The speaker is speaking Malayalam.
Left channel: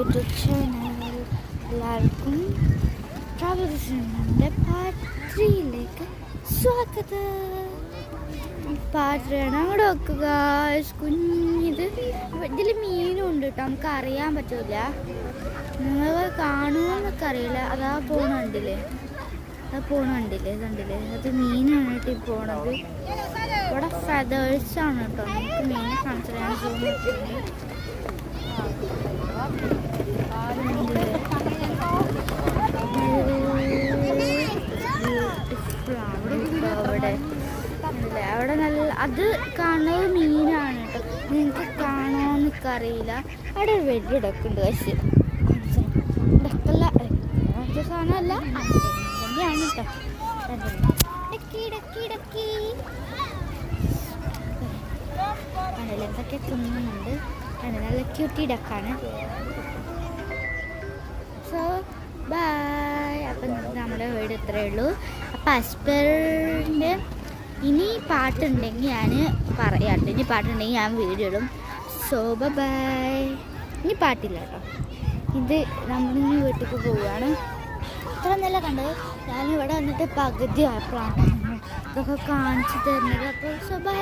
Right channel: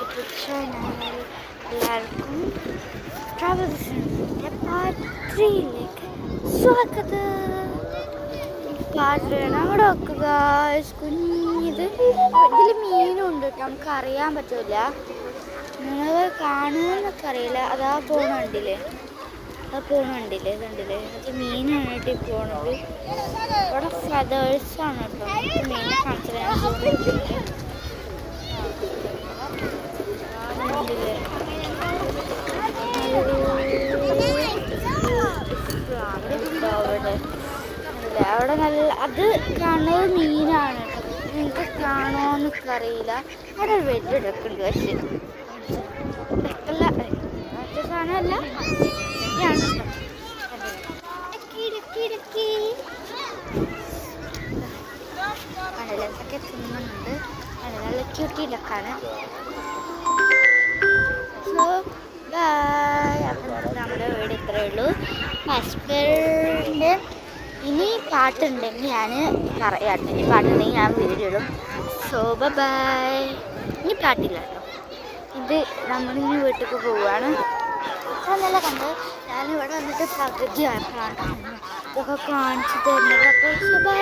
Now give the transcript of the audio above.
YouTube channel. എല്ലാവർക്കും ട്രാവൽസിൻ്റെ പാർട്ട് 3യിലേക്ക് സ്വാഗതം. കാട്ടിലാണ് അവിടെ വെക്കുക കുഞ്ഞിത്. ഇതിൽ മീനുണ്ട് കേട്ടോ, നമുക്ക് അറിയാൻ പറ്റില്ല. നിങ്ങൾ കാണുമെന്നൊക്കെ അറിയില്ല. അതാ പോണുണ്ടില്ലേ, കണ്ടില്ലേ അത് മീനാണ് കേട്ടോ ഈ പോണത്. ഇവിടെ ഫെതേഴ്സാണ് കേട്ടോ, നമുക്ക് മീനെ കാണിച്ചു തരാൻ തോന്നിയിട്ടുണ്ട്. അവിടെ നല്ല അത് കാണുന്നത് മീനാണ് കേട്ടോ. നിങ്ങൾക്ക് കാണുമോന്നൊക്കെ അറിയില്ല. അവിടെ ഒരു വലിയ ഇടക്കുണ്ട്, പക്ഷേ ഇടക്കല്ല കാണാനല്ല തന്നെയാണ് കേട്ടോ. കണ്ടില്ല എന്തൊക്കെ തിന്നുന്നുണ്ട്. നല്ല ക്യൂട്ടി ഡക്കാണ്. So by. അപ്പം നമ്മുടെ വീട് ഇത്രയേ ഉള്ളൂ. അപ്പം അസ്പറിൻ്റെ ഇനി പാട്ടുണ്ടെങ്കിൽ ഞാൻ പറയാം. ഇനി പാട്ടുണ്ടെങ്കിൽ ഞാൻ വീഡിയോ ഇടും. So bye. ഇനി പാട്ടില്ല കേട്ടോ. ഇത് നമ്മളിങ്ങനെ വീട്ടിലേക്ക് പോവുകയാണ്. ഇത്ര നല്ല കണ്ടത്. ഞാനിവിടെ വന്നിട്ട് പകുതി ആയപ്പോഴാണ് ഇതൊക്കെ കാണിച്ചു തരുന്നത്. അപ്പോൾ സോ ബൈ.